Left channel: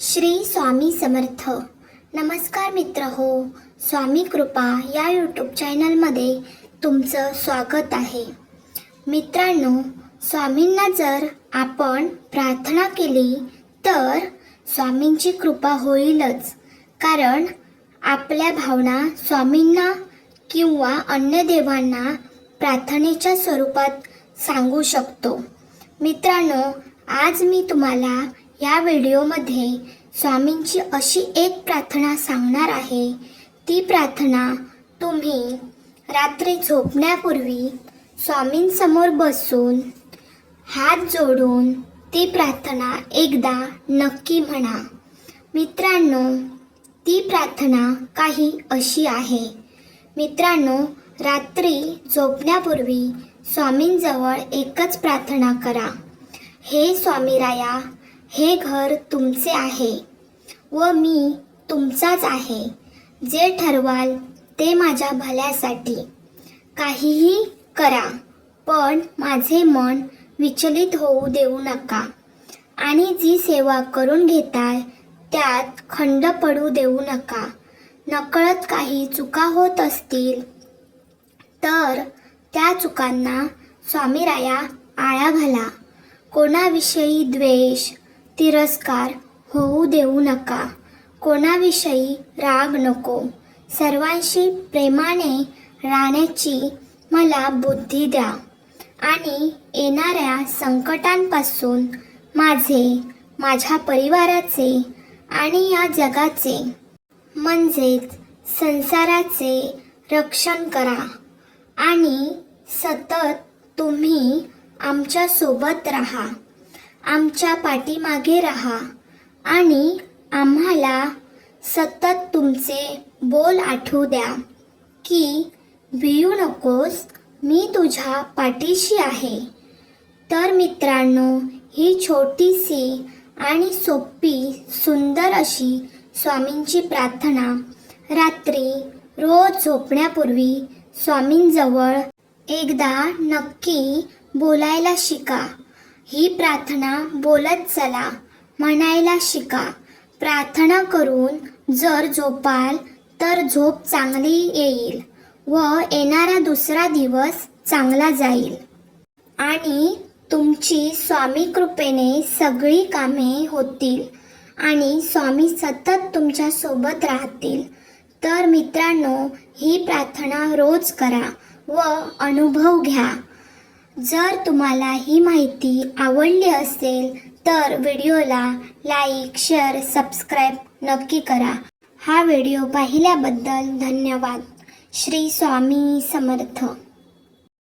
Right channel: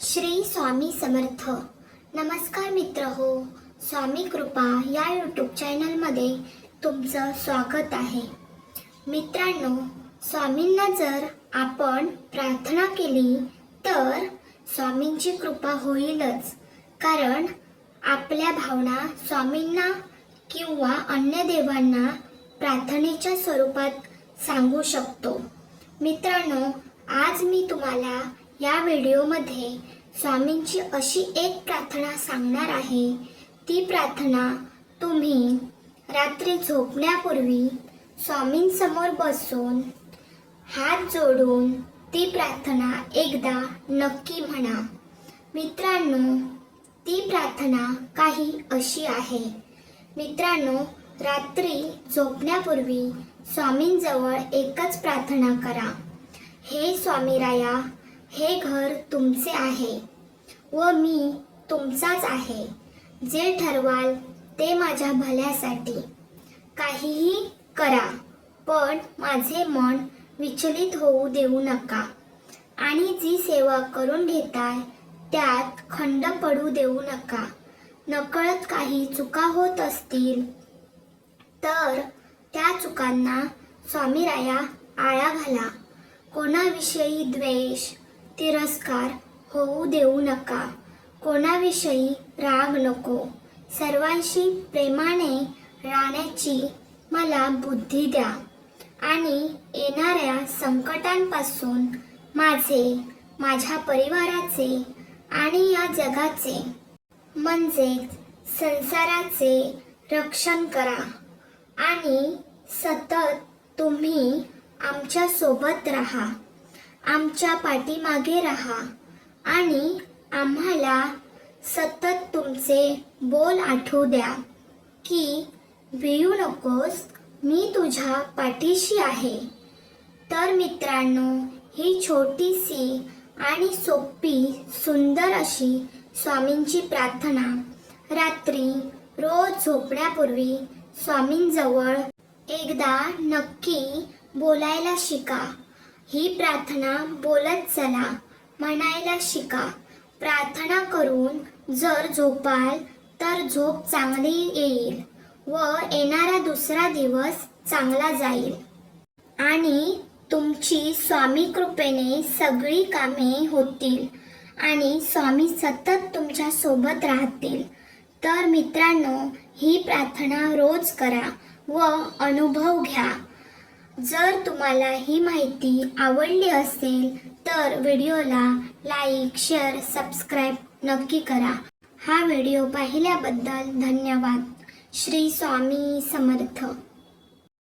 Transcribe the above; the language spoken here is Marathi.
श्री स्वामी समर्थ. नमस्कार मित्र हो, स्वामी कृपा या यूट्यूब चॅनलमध्ये तुमचं स्वागत आहे. मित्रांनो, स्वामींना जर आपण प्रार्थना केली तर स्वामींची कृपा होईलच. कारण आपल्या भावना स्वामींना किंवा अन्य देवांना प्रार्थनेच्या स्वरूपात सांगू शकतो. मित्रांनो, आज मी तुम्हाला या व्हिडिओमध्ये स्वामींची अशी एक प्रार्थना सांगणार आहे. ती प्रार्थना तुम्ही रात्री झोपण्यापूर्वी स्वामींसमोर बसून हात जोडून ती प्रार्थना एकदा नक्की म्हणा. मित्रांनो, ती प्रार्थना काही अशी आहे. मित्रांनो, रात्री झोपण्यापूर्वी स्वामींजवळ एकच प्रार्थना करा. हे स्वामीराया, हे घर तुमचे आहे व मी तुमचाच आहे. जे ठरवाल ते माझ्या भल्यासाठी. काहीही करा, पण माझे मन विचलित होऊ देऊ नका आणि जी सेवा करून घेताय त्यात खंड पडू देऊ नका. नकळत काही चुका होत असतील तर त्या चुकांना स्वामीराया आळा घाला. कोणाविषयी द्वेष, तिरस्कार होऊ देऊ नका. कोणाविषयी राग नको. सर्वांशी प्रेमाने राहण्याची मला बुद्धी द्या आणि येणाऱ्या संकटांपासून माझ्या परिवाराचे आणि या जगाचे म्हणजेच संसाराचे रक्षण करा आणि सतत तुम्ही आमच्या सोबत राहा. आमच्या पाठीमागे राहा आणि आम्हाला सतत तुमचे बोल आठवू द्या की भिऊ नकोस, मी तुझ्या पाठीशी आहे. तर मित्रांनो, ही छोटीशी आणि सोपी सुंदर अशी स्वामींची प्रार्थना रात्री रोज झोपण्यापूर्वी स्वामींजवळ एकदा नक्की बोलायला शिका. ही प्रार्थना बोलत चला, म्हणायला शिका. प्रार्थना करून जर झोपाल तर झोप चांगली येईल व येणारा दुसरा दिवस चांगला जाईल आणि तुमची स्वामी कृपेने सगळी कामे होतील आणि स्वामी सतत तुमच्या सोबत राहतील. तर मित्रांनो, ही प्रार्थना रोज करा व अनुभव घ्या. जर तुम्हाला ही माहिती आवडली असेल तर व्हिडिओला लाईक, शेअर, सबस्क्राईब नक्की करा. हा व्हिडिओ पाहिल्याबद्दल धन्यवाद. श्री स्वामी समर्थ.